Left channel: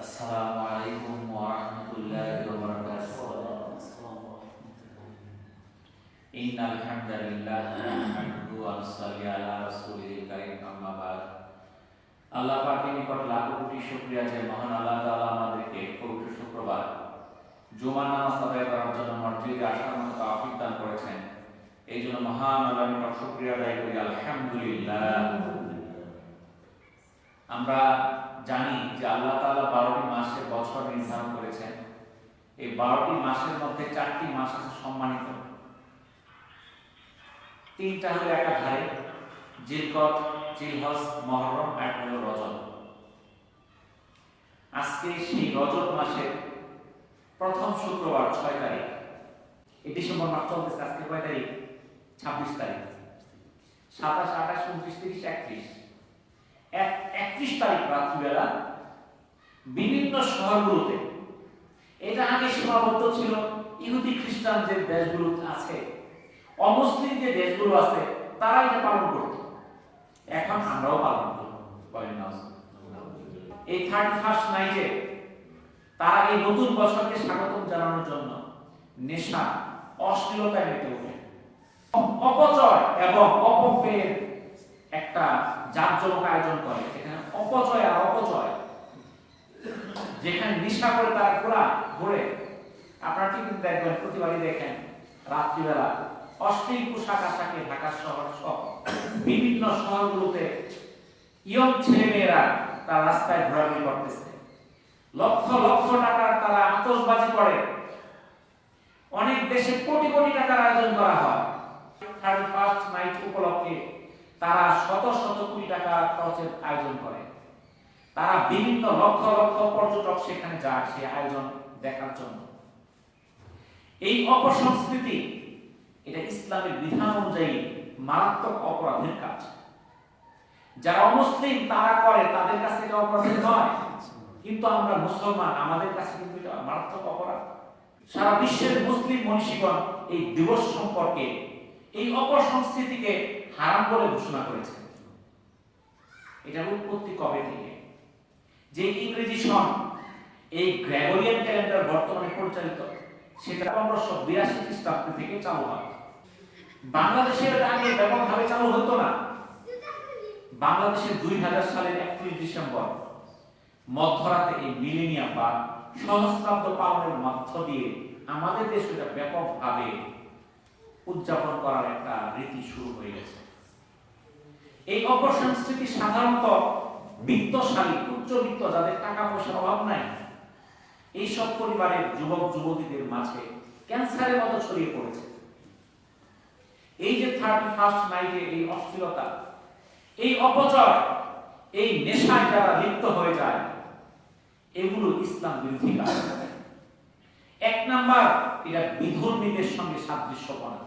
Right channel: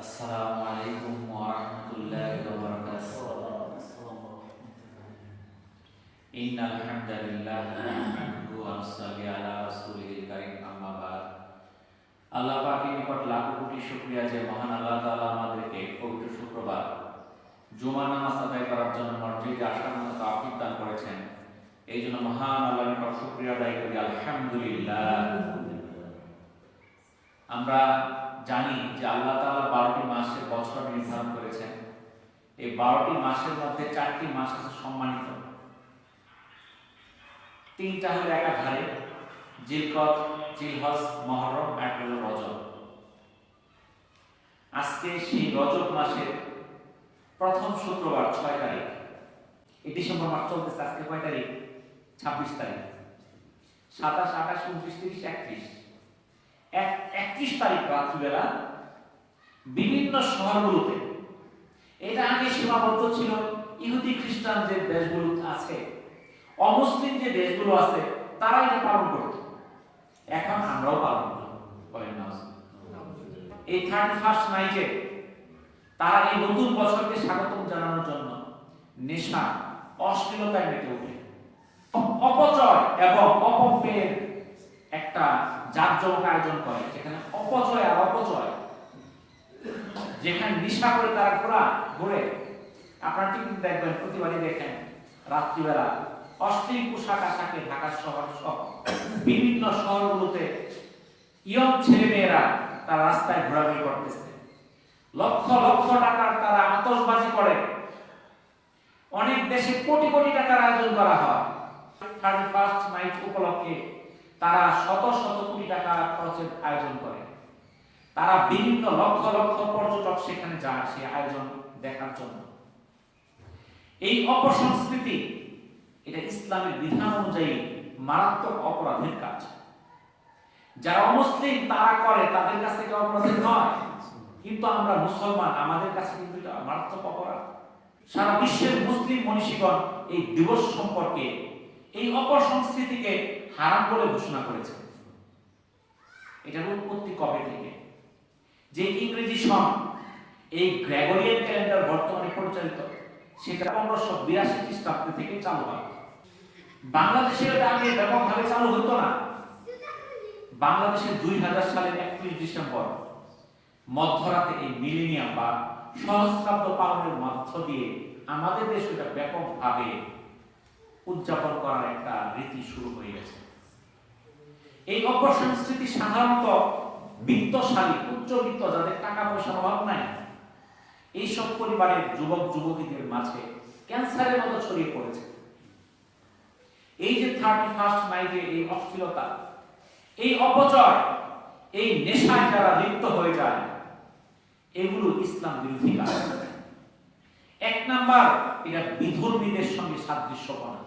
আসসালামু আলাইকুম ওয়া রাহমাতুল্লাহি ওয়া বারাকাতুহু। ইন্নাল হামদালিল্লাহ নাহমাদুহু ওয়া নুসাল্লি আলা রাসূলিল কারীম, আম্মা বাদ। আল্লাহ পাকের নিকট লাখো কোটি শুকরিয়া যে মহান আল্লাহ তাআলা আমাদেরকে পবিত্র শুক্রবার জুমা নামাজ আদায় করার জন্য মসজিদে আসার মতো তৌফিক দান করেছেন। এই জন্য মহান আল্লাহর নিকট শুকরিয়া আদায় করি, আলহামদুলিল্লাহ। আমরা জানি যে আল্লাহ তাআলা 12টি মাসের বছর নির্ধারণ করেছেন। এই 12টি মাসের মধ্যে 4টি মাস আছে সম্মানিত, 3টা হলো একাধারে, জিলকদ, জিলহজ, মুহররম, আর হলো রজব। আজকে সেই রজব মাসের প্রথম শুক্রবার 6 তারিখ। এই ডিসেম্বর মাস চলতেছে, আজকে কয় তারিখ? 26 তারিখ। 27, 28, 29, 30, 31 তারিখ রাত্রিবেলা বিভিন্ন শহরগুলোতে, এটা আগে সীমাবদ্ধ ছিল ইহুদি খ্রিস্টান যে দেশগুলো আছে, অমুসলিম যে দেশগুলো আছে, তারা এটা পালন করত। এখন আমরাও পালন করি, বলেন না? এই 31st নাইটে তারা এই নতুন বছরকে স্বাগতম জানানোর জন্য নেশা, অশ্লীলতায় মেতে ওঠে, অপচয় এবং অপব্যয়ের একটা জাঁকজমক আয়োজন করে, যেখানে অপচয় আর অপচয়, যেখানে নেশা করে তারা ঘোরে। আপনারা ঠিক দেখবেন, প্রতিবারই দেখেন রাত্রিবেলা অশ্লীল পোশাক আশাকে ঢাকা শহর সহ বিভিন্ন শহরগুলোতে ইয়ং ছেলেমেয়েরা তার রাস্তায় ঘোরাঘুরি করতেছে। লক্ষ লক্ষ টাকার তারা আতশবাজি করে। অনেক দেশে কোটি কোটি টাকার আয়োজন করা হয়। 31st নাইট উপলক্ষে তারা শত শত কোটি টাকা খরচের আয়োজন করে। তারা বিভিন্ন লক্ষ লক্ষ পর্যটক সেখানে যায় সেই আয়োজন দেখার জন্য। এই অপসংস্কৃতি, এটা ইসলামের বিধান অনুযায়ী মারাত্মক অপরাধের কাজ। যারা অমুসলিম তারা করে, তাদের কাছে এটা অপরাধ নয়, কিন্তু আমরা মুসলমান, আমাদের কাছে কিন্তু এটা মারাত্মক অপরাধ। সারা বিশ্বের মুসলিম মনীষীগণ এই দিবস সম্পর্কে, এই অপসংস্কৃতিকে হারাম বলে ঘোষণা করেছে। এটার উৎপত্তি কবে থেকে? যে ইংরেজি সন, এই গ্রেগরিয়ান ক্যালেন্ডার বর্তমানে পরিচালিত, সেটা 1582 খ্রিস্টাব্দ থেকে চালু হয়। বাংলাদেশের আগে ব্যাপকভাবে চালু হতো না। বাংলাদেশের 2000 সালের 31 ডিসেম্বর মধ্যরাতে এই মিলেনিয়াম বা সহস্রাব্দ পালনের মধ্য দিয়ে আমাদের দেশে এটা ব্যাপকভাবে উদযাপন করার একটা রীতি শুরু হয়ে গেছে। এই অপসংস্কৃতি সাধারণত বিত্তশালী, উচ্চবিত্ত, যাদের টাকা পয়সার অভাব নাই, এইসব পরিবারের যুবক যুবতীদের মাঝে ক্যান্সারের মতো ছড়িয়ে পড়েছে। এই যে 31st নাইটে এই অশ্লীলতা, এই অপচয়, এই নেশায় যারা লিপ্ত হয়ে যায়, এগুলো ইসলাম বিরোধী কাজ। 1 নাম্বার, এটা বিধর্মীদের সঙ্গে সাদৃশ্যপনা।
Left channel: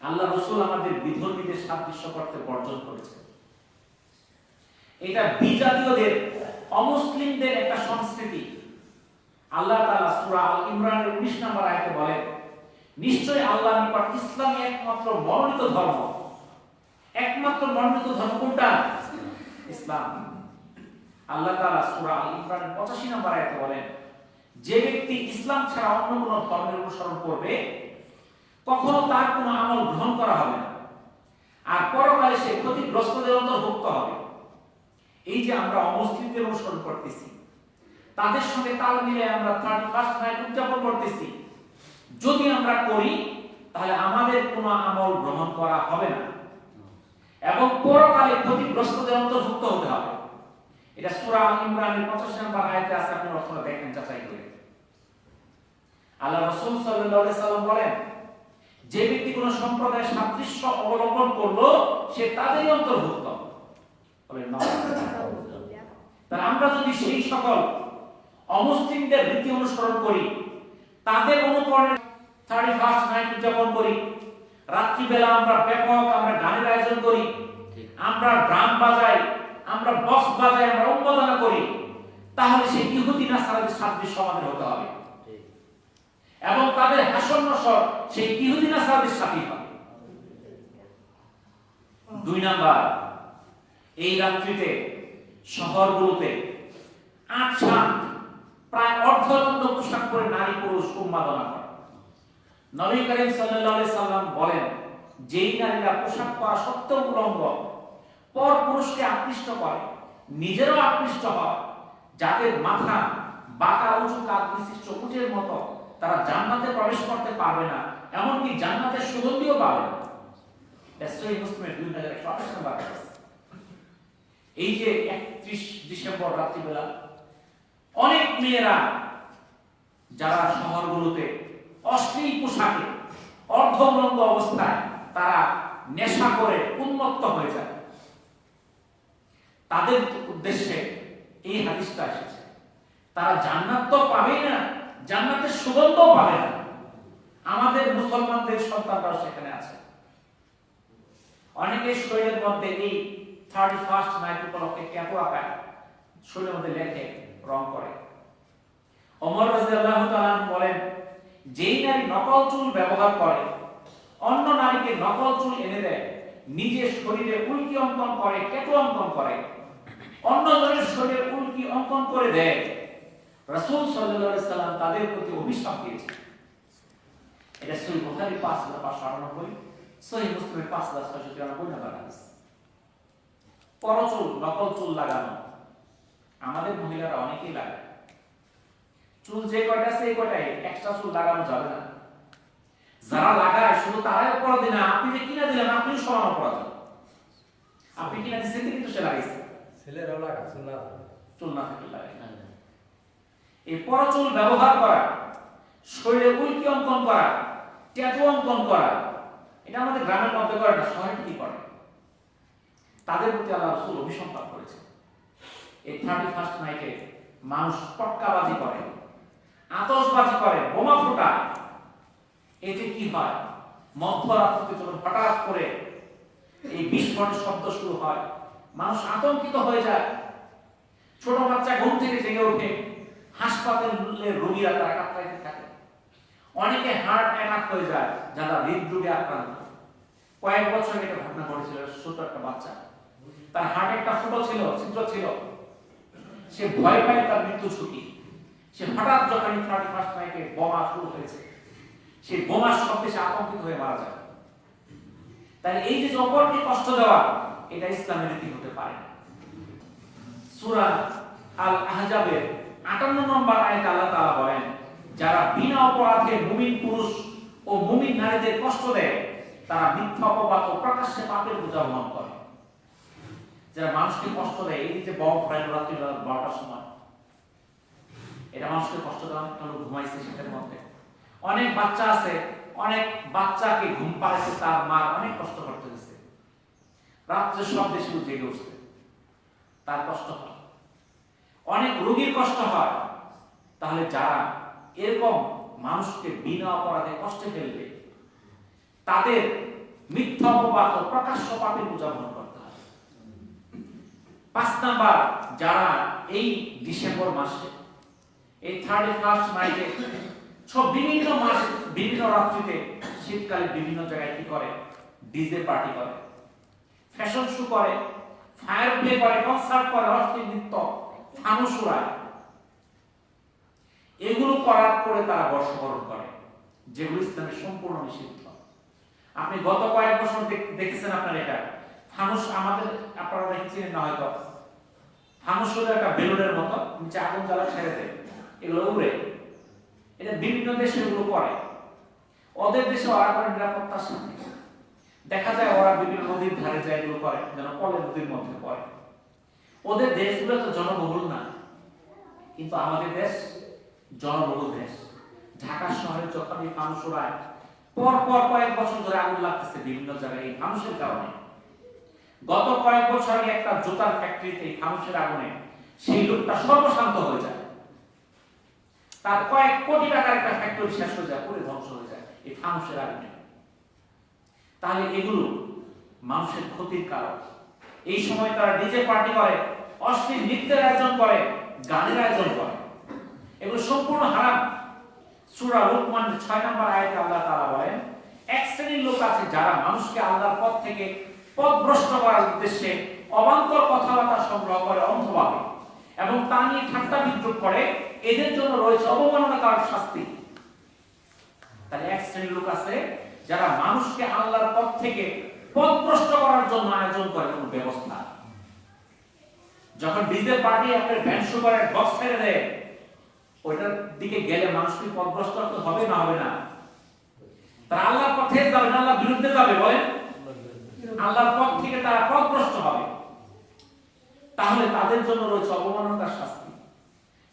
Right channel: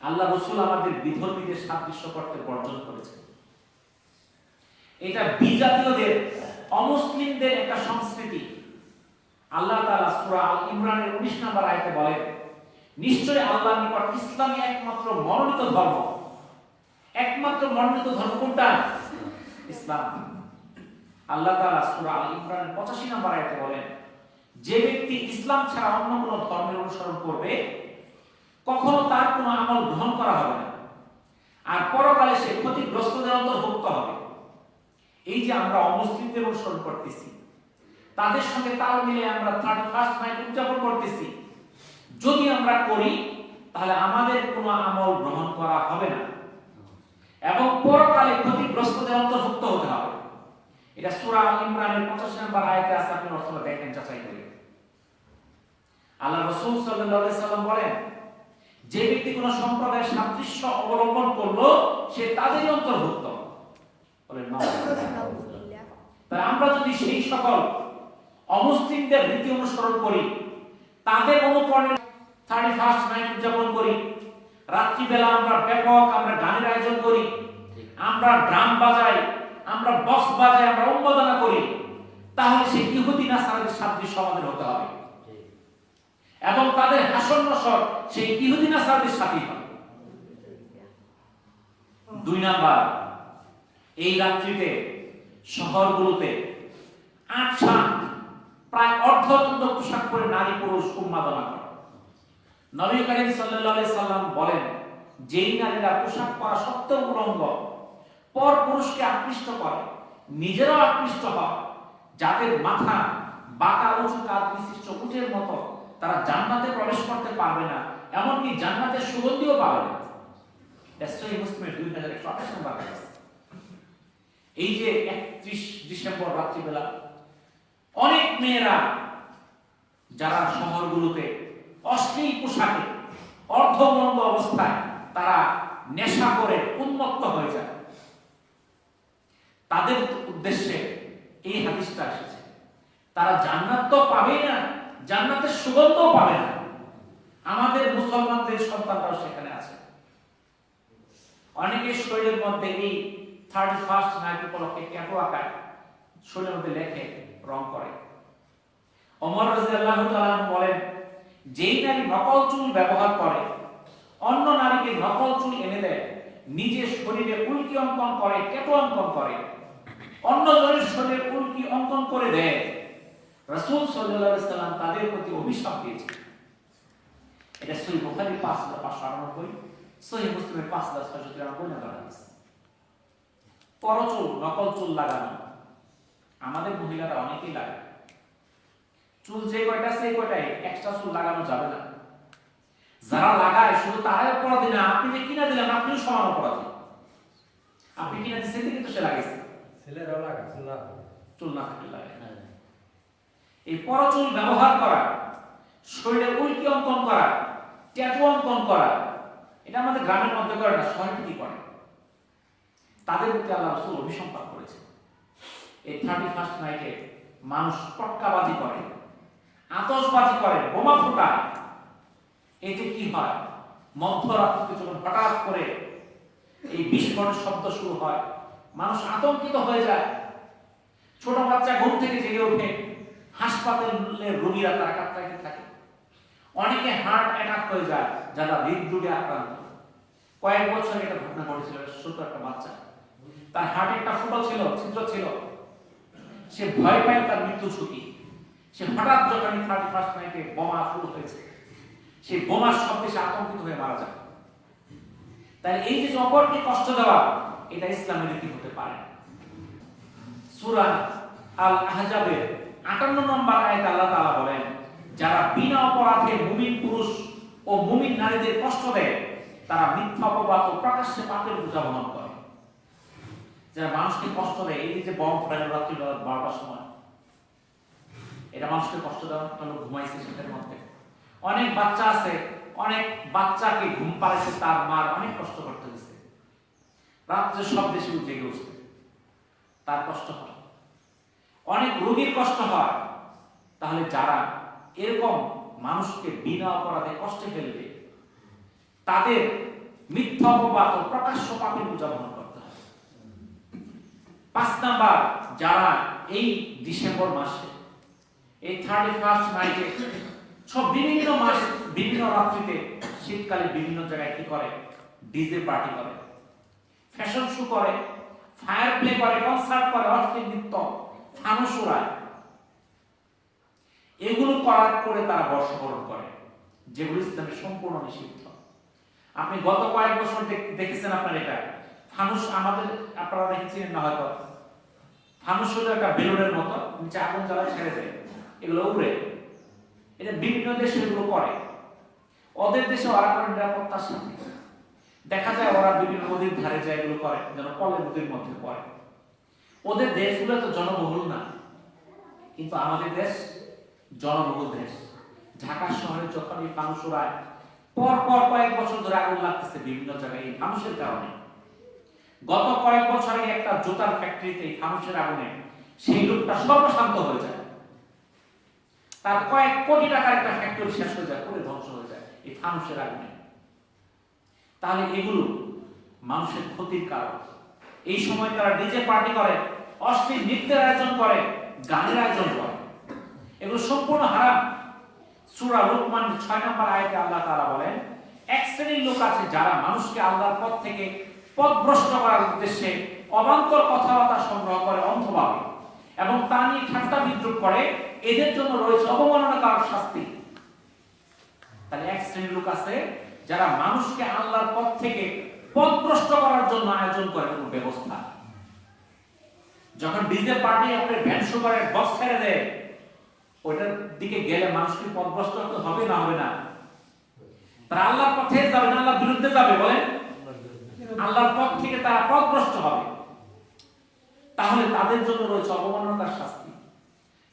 আল্লাহ রাসূল আমাদের বিধর্মীদের সাদৃশ্য করতে বর্জন করেছে। এটা বিজাতীয়দের, অমুসলিমদের একটা সংস্কৃতি। আল্লাহ তাআলা সূরা আল ইমরানের 19 নম্বর আয়াতে বলেন, নিশ্চয়ই আল্লাহর নিকট ইসলামই একমাত্র মনোনীত ধর্ম। একমাত্র মনোনীত ধর্ম কোনটা? ইসলাম। আল্লাহ তাআলা সূরা আল ইমরানের 85 নম্বর আয়াতে বলেন, যে ব্যক্তি ইসলাম ছাড়া অন্য কোনো ধর্মের অনুসরণ করবে, কখনো তার কোনো আমল গ্রহণ করা হবে না, আর পরকালে সে ক্ষতিগ্রস্তদের অন্তর্ভুক্ত হবে। এই যে আমরা অমুসলিমদের অনুসরণ করতেছি, তাদের সঙ্গে তাল মিলে আমরা 31st নাইট উদযাপন করতেছি, যদি আমরা করি তাহলে আমাদের কোনো আমল গ্রহণ করা হবে না এবং পরকালে ক্ষতিগ্রস্তদের অন্তর্ভুক্ত হতে হবে। এটা সূরা আল ইমরানের 85 নম্বর আয়াতে আছে, আপনি অর্থটা দেখেন, যাচাই করে। আল্লাহ রাসূল সাল্লাল্লাহু আলাইহি সাল্লাম বলেন, যে ব্যক্তি কোন সম্প্রদায়ের সাদৃশ্য অবলম্বন করলো, সে তাদেরই অন্তর্ভুক্ত। বলেন না? তাই আমরা যদি সেই সকল অমুসলিমদের রীতি অনুসরণ করি, তাদের অনুকরণে 31st নাইট উদযাপন করি, রাত্রিবেলা আমরা আমরা গানের আয়োজন করি, আমরা ড্রাম বাজাই, আমরা বক্স বাজাই, আমরা উন্মোদনা করি, তাহলে সেই ইহুদি নাসারাদের সাদৃশ্য আমাদের হতে হবে এবং তাদের হাসন নসর সেই ইহুদি নাসারাদের সাথেই হবে। 2 নাম্বার, এই রাত্রিতে শহরগুলোতে 8 অর্থনগ্ন পোশাক পরে নারী পুরুষ উন্মাদনা করে। নবী করিম সাল্লাল্লাহু আলাইহি সাল্লাম বলেন, যেই নারীরা পোশাক পরা সত্ত্বেও উলঙ্গ পর পুরুষকে আকৃষ্ট করে, নিজেরাও আকৃষ্ট হয়, যাদের মাথা বাঁকা উঁচু কাঁধ বিশিষ্ট উটের মতো, তারা জান্নাতে প্রবেশ করতে পারবে না, এমনকি জান্নাতের সুগন্ধিও পাবে না। মুসলিমের 2128 নম্বর হাদিস। এই যে 31 ডিসেম্বর রাত্রিবেলা অনেক মেয়েরা যারা শহরগুলোতে অশ্লীল পোশাকে অর্ধ উলঙ্গ অবস্থায় তারা নেশা করে উন্মত্ত হয়ে যায়, তাদের উদ্দেশ্যে এই হাদিসটা এসেছে। তারা জান্নাত তো পাবেই না, জান্নাতের সুগন্ধও পাবে না। আমাদের মুসলমানদের সন্তানরাও সেখানে আছে। অনেকের শরীরের মধ্যে এই 31st নাইট উপলক্ষে ট্যাটু আঁকায়, শরীরের মধ্যে লেখে, রং করে। ওমর রাদিয়াল্লাহু তাআলা বলেন, যেই নারী নকল চুল ব্যবহার করে, অন্য নারীকে নকল চুল এনে দেয়, নিজের শরীরে উল্কি অঙ্কন করে, ট্যাটু অঙ্কন করে, অন্য জনের শরীরে উল্কি অঙ্কন করে দেয়, রাসূল সাল্লাল্লাহু আলাইহি সাল্লাম তাদের প্রতি অভিশাপ দিয়েছেন। এটা সহিহ বুখারী 5598, সহিহ মুসলিমের 5693 নম্বর হাদিস। পরচুল, নকল চুল লাগানো আমাদের মহিলারা অনেকেই লাগায়। চুল যে কয়টা আছে এই কয়টাই, এক্সট্রা চুল লাগানো যাবে না। যারা লাগায় শুধু তারাই অপরাধী না, আপনি যে কিনা দিলেন আপনিও সমান অপরাধী। আপনি কিনা দিচ্ছেন কিন্তু সে লাগাইছে, ছেলেরাও লাগাচ্ছে না, চুল না থাকলে লাগায়। এই পরচুল ব্যবহার করা, শরীরে উল্কি অঙ্কন করা, ট্যাটু অঙ্কন করা, এটা আমাদের গ্রামের মধ্যে করে না, শহরে কি করে। তাদের প্রতি আল্লাহ রাসূল অভিসম্পাত করেছেন। এই 31st নাইটে মানুষ পটকাবাজি করে, আতশবাজি করে, বোমা ফোটায়। এতে কি হয়? মধ্যরাত্রিতে যখন হঠাৎ করে এই বিস্ফোরণের শব্দ শুরু হয়, মানুষ আতঙ্কিত হয়ে যায়। ছোট বাচ্চা ঘুম থেকে জেগে ওঠে, হাসপাতালের রোগীরা তারা কাতরাইতে থাকে। অনেকে হার্ট অ্যাটাক হয়ে যায়, যারা হৃদরোগে আক্রান্ত। কয়েক বছর এটা ঘটনা ঘটেছিল, ছোট একটা বাচ্চা, তার হার্টে একটা ফুটো ছিল, ছিদ্র ছিল, সে ভয় পায় তার মৃত্যু ঝুঁকি। সে হঠাৎ যখন 31st নাইটে বোমা শুরু হয়েছে, সে বোমার শব্দে সে আতঙ্কিত হয়ে মারা যায়। তাই এই যে অপরকে কষ্ট দেওয়া, এটা ইসলামের রীতি হতে পারে। সূরা আল আহজাবের 58 নম্বর আয়াতে আল্লাহ তাআলা বলেন, যারা বিনা অপরাধে মুমিন পুরুষ ও মুমিন নারীদের কষ্ট দেয়, তারা মিথ্যা অপবাদ ও প্রকাশ্যে পাপের বোঝা বহন করে। যারা মানুষকে কষ্ট দেয়, এই যে বম ফেলে রাত্রি 12টার সময়, এটা মানুষকে কষ্ট দেওয়া, একটা লোক ঘুমাইছে সেটার মধ্যে। অনেক বাচ্চা আছে, অনেক বাচ্চাকে ঘুম পাড়াইছে তার মার অনেক কষ্ট করতে হয়েছে, রাত্রে সব দেশে জেগে উঠছে, তার কষ্ট হয়। অনেক রোগীর কষ্ট হয়। তাহলে যারা এরকম মানুষকে বিনা অপরাধে কষ্টে ফেলবে, তাদের মিথ্যা অপবাদ ও প্রকাশ্য পাপের বোঝা বহন করতে হয়। 5 নাম্বার, যারা এই ডিসেম্বর মাসে এই 31st নাইটে সব বিভিন্ন মাস বিভিন্ন রাত্রিতে শীতকালে বিভিন্ন জায়গায় কি করে, ডিজে পার্টি করে, ফ্যাশন শো করে, ফায়ার প্লে করে, কনসার্ট করে, অশ্লীল নৃত্য, ফানুস উড়ায়, এগুলো করার করে তারা বর্ষবরণ করে, যেগুলো ইসলামে সম্পূর্ণ নিষিদ্ধ। আপনি গত কয়েক বছর দেখেছেন আপনার এটা ফানুস, আমাদের আপনারা দেখেছেন না হয়তো, ফানুস হলো একটা বেলুনের মতো, নিচে আগুন জ্বালায় ছেড়ে দেয়, এগুলো উড়ে। এটা বিভিন্ন দেশে এগুলো করে। ওদের দেশে ওরা করে নিরাপত্তার সাথে। দেখা যায় ওরা বিভিন্ন নদীর ধারে যায় এগুলো করে, যেন কলের নদীর মধ্যে পড়ে। ওদের দেশগুলো তো জনবহুল না, কিন্তু আমাদের দেশ জনবহুল দেশ। ঢাকা শহরে যখন এই ফানুস উড়ায়, পর পর কয়েক বছর ধরে আগুন লাগতেছে বিভিন্ন জায়গায় এই ফানুসের কারণে। গত কয়েক বছর আগে একটা জুতার ফ্যাক্টরিতে এই ফানুসের আগুনে সেই লোকটা সর্বশান্ত হয়ে যায়, তার কয়েক কোটি টাকার একটা ফ্যাক্টরি শেষ হয়ে যায়, পুরো ধ্বংস হয়ে যায় এই ফানুসের আগুনে। তাহলে এগুলো মানুষের ক্ষতির কারণ। এই সময় তারা ডিজে পার্টি করে, অশ্লীল নৃত্যের আয়োজন করে, গানের আয়োজন করে, এগুলো সম্পূর্ণ হারাম। সূরা লুকমান 6 নম্বর আয়াতে আল্লাহ তাআলা বলেন, এক শ্রেণীর লোক আছে যারা মানুষকে আল্লাহর পথ থেকে পথভ্রষ্ট করার উদ্দেশ্যে অবান্তর কথাবার্তা সংগ্রহ করে অন্ধভাবে, এবং তা নিয়ে ঠাট্টা বিদ্রুপ করে, এদের জন্য রয়েছে অবমাননাকারক শাস্তি। তাহলে এক শ্রেণীর লোক আছে যারা মানুষকে আল্লাহর পথ থেকে পথভ্রষ্ট করার জন্য আয়োজন করে কোনো ব্যবস্থা। যখন ডিজে পার্টি আপনার ভ্যান শো করে বক্স ছেড়ে দেয়, ওইটার দিকে গেলে মানুষ কি পথভ্রষ্ট হবে না হবে না? তারা আল্লাহর পথে যাবে না, আল্লাহর বিরুদ্ধে যাবে? বলেন, আল্লাহর পথ থেকে তারা পথভ্রষ্ট হবে। তাহলে তাদের জন্য রয়েছে অবমাননার শাস্তি।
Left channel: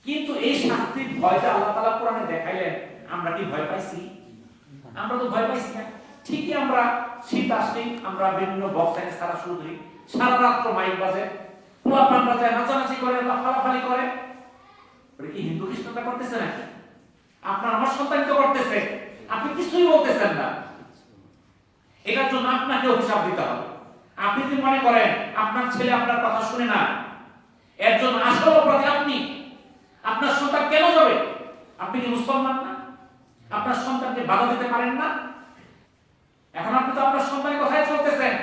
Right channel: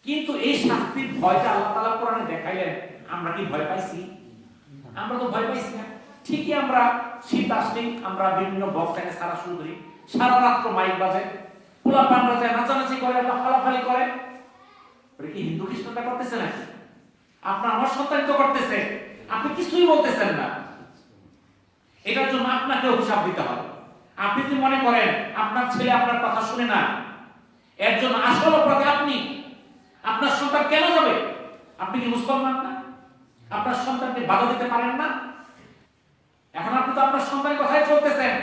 কিন্তু এই শাস্তির ভয়টা আল্লাহ তাআলা কোরআনে দেখাইলেন, আমরা কি ভয় পাইছি? আমরা তো ভয় পাইছি না। ঠিকই আমরা শীত আসলেই আমরা বিভিন্ন বক্সাইনে সারা শুরু করি, সারা রাত্র মাইক বাজে, পোলা পান্ডা যায় নাচানাচি করে, আল্লাহ ফালাফালি করে। ওটা কি হিন্দু খ্রিস্টানরা করতেছে না? আপনার আমার সন্তান তো করতেছে, আপনি কিছুই বলতেছেন না। এটার জন্য আপনাকে অভিশাপ দিতে হবে। আপনি যদি মনে করেন আপনার ছেলে আপনার কথা শুনে না, এর জন্য আসল অপরাধী আপনি। আপনার সন্তান কেন যাবে? আপনি কি মুসলমান না? আপনার সন্তানকে বাধা দিতে পারেন না? এখন আপনি তো আপনার সন্তানের কথাই চলতেছেন।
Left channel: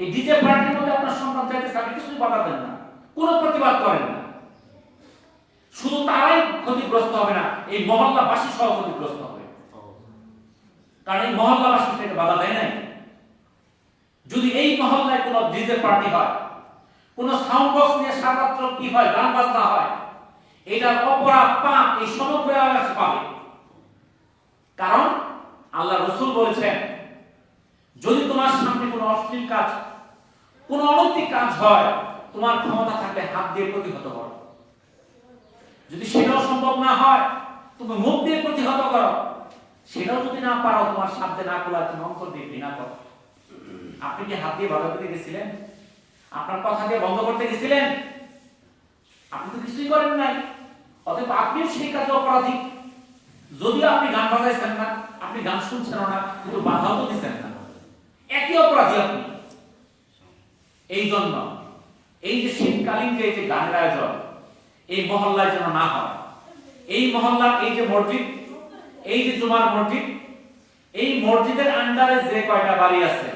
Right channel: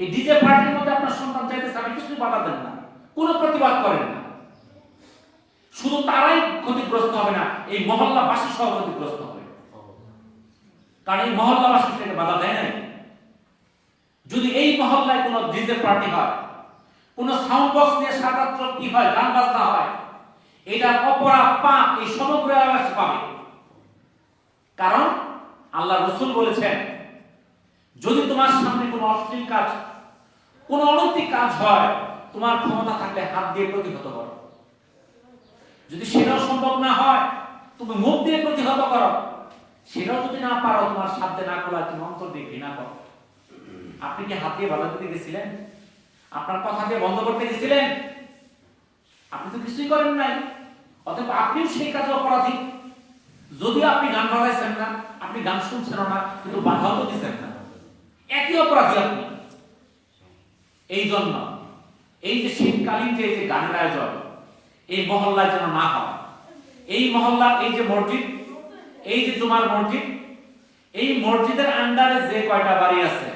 এই ডিজে পার্টির মধ্যে আপনার সন্তান চাইতেছে, আপনি কিছুই বাধা দেন না, কোনো প্রতিবাদ করেন না। শুধু তারাই ক্ষতিগ্রস্ত হবে না, এই মহল্লাবাসী সহ ক্ষতিগ্রস্ত হবে। কারণ এই মহল্লাবাসী থেকে বাধা দেয় নাই। যদি এই মহল্লায় কোনো ডিজে পার্টি হয়, কোনো সাউন্ড বক্স নিয়ে সারা রাত কি হয়, গান বাজনা হয়, এটা অপরাধ পাপ এই সমগ্র এলাকা পাবে। কারণ আল্লাহ রাসূল বলেছেন, যদি তোমার সামনে কোনো অশ্লীল কাজ, কোনো অনৈতিক কাজ হয়, তোমার ক্ষমতা থাকলে হাত দিয়ে প্রতিহত করো। যদি সেটাও সম্ভব না হয়, তুমি মুখ দিয়ে প্রতিহত করো। সেটাও যদি না পারো, তোমার সাধ্যে না করলে তুমি অন্তর দিয়ে ঘৃণা করো। আপনি কি হাত দিয়ে বাধা দিতে গেছিলেন? আপনার কথা দিয়ে বন্ধ করতে গেছিলেন? আপনি তো কিছুই করেন নাই। অতএব আপনিও সেই কাজে অপরাধী। যদি আপনি গান বাজাইছেন না, আপনি গান শুনছেন না, কিন্তু বাধাও তো দিচ্ছেন না, একই অপরাধী আপনি। এই জন্য এই যে শীতকালীন যে গানের আয়োজন, এই মহল্লায় যেন না হয়। এই মহল্লার এই যে মসজিদ, এই যে জুমার মসজিদ, এই মসজিদের আন্ডারে যে কয়টা বাড়ি আছে,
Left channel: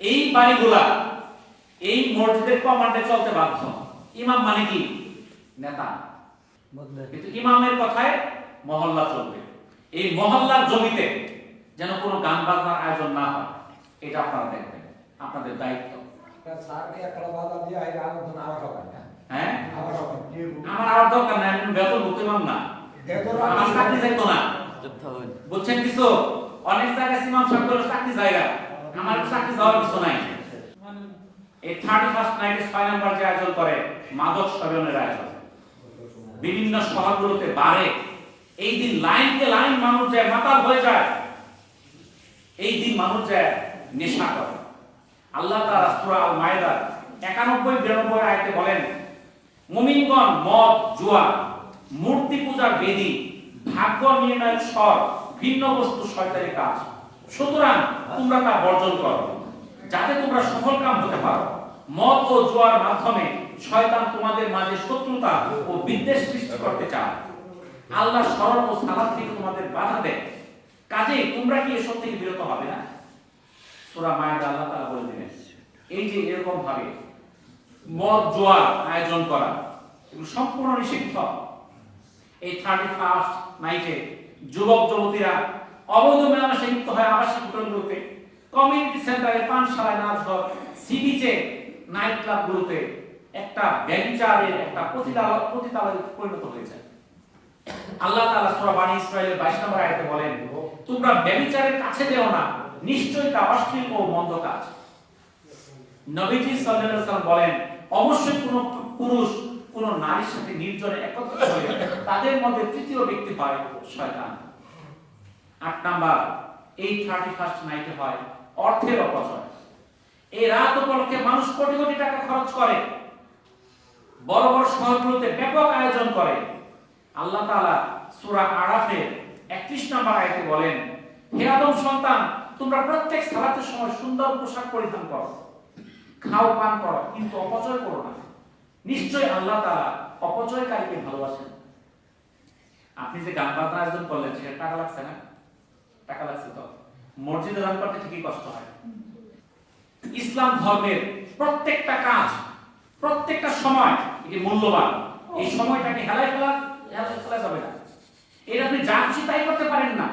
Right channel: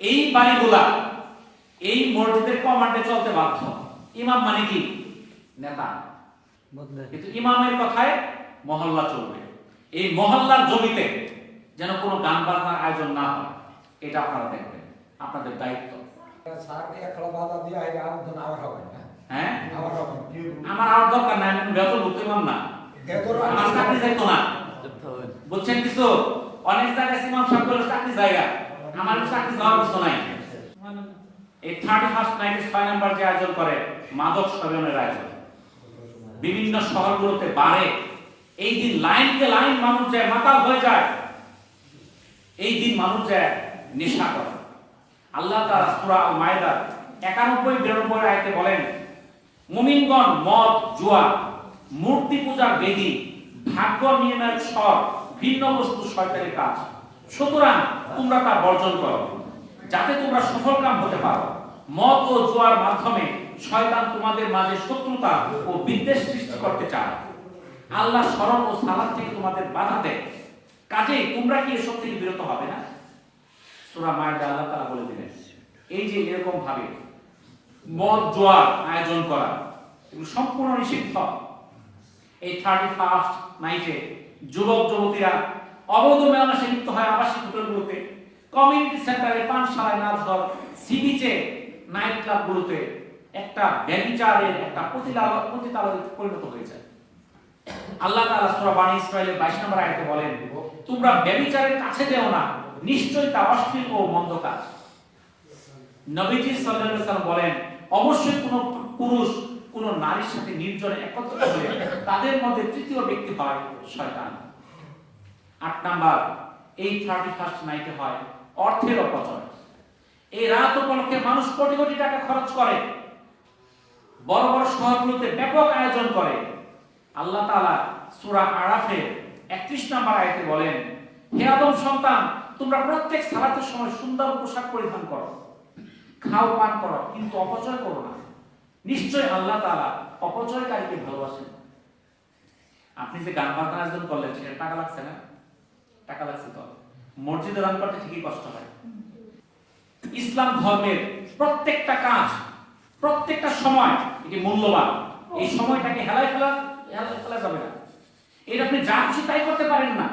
এই বাড়িগুলা এই মসজিদের কমান্ডে চলতে বাধ্য। ইমাম মানে কি? নেতা। কিন্তু ইমামের কথায় মহল্লা চলবে। এই মহল্লার জমিতে যেন কোনো গান বাজনার আয়োজন না হয়, এটা আপনারা দেখবেন, আপনাদের দায়িত্ব। হ্যাঁ, আমার আর দরকার নাই, আমি বেতন ভুক্ত ইমাম না, আমার চাকরি যাইতো না। বুঝছেন কিছু? অনেক জায়গায় ইমাম সাহেব বলে চাকরি জায়গা, আমার চাকরি যাওয়ার কিছু নাই। এই 31st নাইটে 6 নাম্বার যে আয়োজন করে মাদক সেবনের আয়োজন, বিভিন্ন শহরগুলোতে বাড়ে। এই দিন লাইনকে লাইন মানুষ যায়, মাতাল হয়ে যায়। এই দিন মানুষ যায় নেশা করে। আল্লাহ তাআলা সূরা আল মায়েদা 91-92 আয়াতে বলেন, মুমিনগণ মদ, জুয়া, মূর্তি পূজার বেদী, ভাগ্য নির্ণয়ের স্বর, ভিন্ন বস্তু শয়তানি কাজ, সুতরাং তোমরা তা বর্জন করো, যাতে তোমরা সফলকাম হতে পারো। মদ ও জুয়ার মাধ্যমে শয়তান তোমাদের মাঝে শত্রুতা ও বিদ্বেষ সৃষ্টি করতে চায়। আল্লাহ স্মরণ ও সালাত থেকে তোমাদের বাধা দেয়। কাজেই তোমরা কি এসব থেকে বিরত হবে না? সূরা মায়েদা আল্লাহ তাআলা বলে দিলেন, এই যে এরকম ভাবে মদ জুয়ার আয়োজন করা এগুলো সম্পূর্ণ নিষিদ্ধ। এই 31st নাইটে যুবক যুবতীরা অবৈধ মেলামেশা লিপ্ত হয় আবাসিক হোটেলগুলোতে, কমিউনিটি সেন্টারে, পানশালায়, নাচঘর, সিবিচে, নাইট ক্লাবগুলোতে একটা ব্যভিচারের একটা পতিতালয়ে পরিণত হয়ে যায়। আল্লাহ তাআলা সূরা বানী ইসরাঈলের 22 নম্বর আয়াতে বলেন, তোমরা ব্যভিচারের কাছে যেও না, নিশ্চয়ই তা অশ্লীল ও মন্দ কাজ। নবীজি সাল্লাল্লাহু আলাইহি ওয়াসাল্লাম বলেন, অবশ্যই কোন পুরুষ কোন নারীর সাথে নির্জনে একত্রিত হলে তাদের মধ্যে তৃতীয় ব্যক্তি হয় শয়তান। 8 নাম্বার, এই 31st নাইটে হয় অর্থের অপচয়। এই রাত উপলক্ষে মানুষ কোটি কোটি টাকা খরচ করে, বড় বড় শহরগুলোতে ব্যাপক আয়োজন করে। আল্লাহ তাআলা সূরা আরাফের 31 নম্বর আয়াতে বলেন, হে আদম সন্তান, তোমরা প্রত্যেক সালাতের সময় সুন্দর পোশাক পরিধান করো, খাও পান করো, কিন্তু অপচয় করো না। নিশ্চয়ই আল্লাহ তাআলা অপচয়কারীকে ভালোবাসেন। আপনি যে গান বাজনা আয়োজন করলেন, সেটা টাকা লাগছে না? টাকা লাগছে তো। মসজিদে দান করতে ঠিকই কষ্ট হয়। ইসলাম ধর্মের প্রত্যেকটা কাজ প্রত্যেকটা সময় এটি মূল্যবান। এই সময়টাকে হেলায় ফেলা যাবে না। এটা আপনি যা খুশি তাই করতে পারেন না।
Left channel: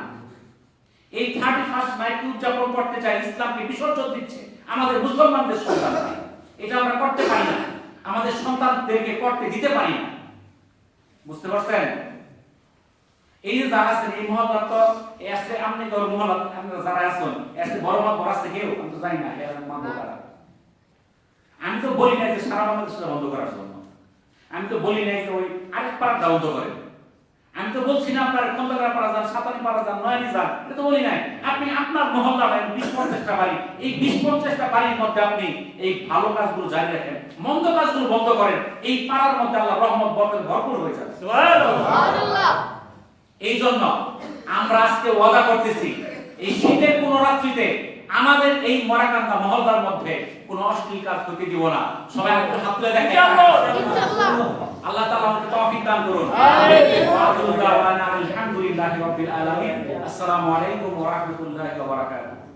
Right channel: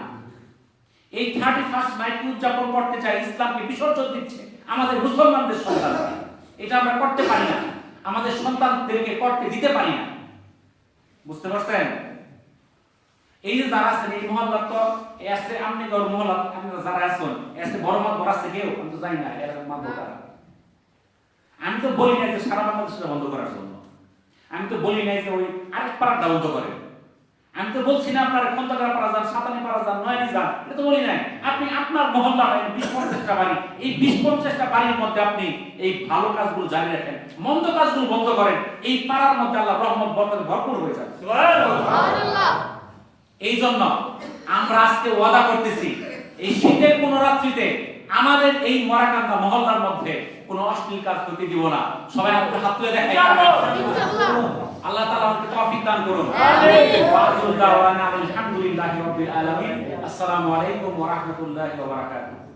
এই 31st নাইট উদযাপন করতে চাই, ইসলামকে বিসর্জন দিচ্ছে আমাদের মুসলমানদের সন্তানকে। এটা আমরা করতে পারি না, আমাদের সন্তানদেরকে করতে দিতে পারি না। বুঝতে পারছেন? এই যে যারা আছেন এই মহল্লা, তো এসে আপনি গর মহল্লা আপনারা যারা আছেন এসে বড় মাঠ বড়াচ্ছে কেউ, আমি তো জানি না এর মানব তারা। আমি তো বলি নাই যে সারা বাংলাদেশটা বন্ধ করার জন্য, আমি তো বলি নাই যে ওই আরেক পাড়াটা বন্ধ করেন, আমি তো বলছি না আপনার কন্তগড়া পাড়া যান, সাতানি পাড়া যান, নয়নি যান, এটা তো বলি নাই। আপনি আপনার মহল্লা 20-50টা বাড়ি, এই 20-50টা বাড়ির মধ্যে আপনি এই ভালো কাজগুলো জারি রাখেন, মন্দ কাজগুলো বন্ধ করেন, এই পাড়ার মধ্যে আল্লাহ রহমত বরকত ভরপুর হয়ে যাবে। সুবহানাল্লাহ। এই জন্য আমরা আজকে ওয়াদা করতেছি, এই শীতের কোন রাত্রিতে আমাদের এই মরাকান্দা মহল্লার মধ্যে কোন অশ্লীল কাজ করতে দিব না। সবাই একটু হাত তুলে দেখাই ইনশাআল্লাহ। আল্লাহ তাআলা আমাদের তৌফিক দান করুন। আমিন। ওয়া আখিরু দাওয়ানা আলহামদুলিল্লাহি রাব্বিল আলামিন। আসসালামু আলাইকুম ওয়া রাহমাতুল্লাহি ওয়া বারাকাতুহু।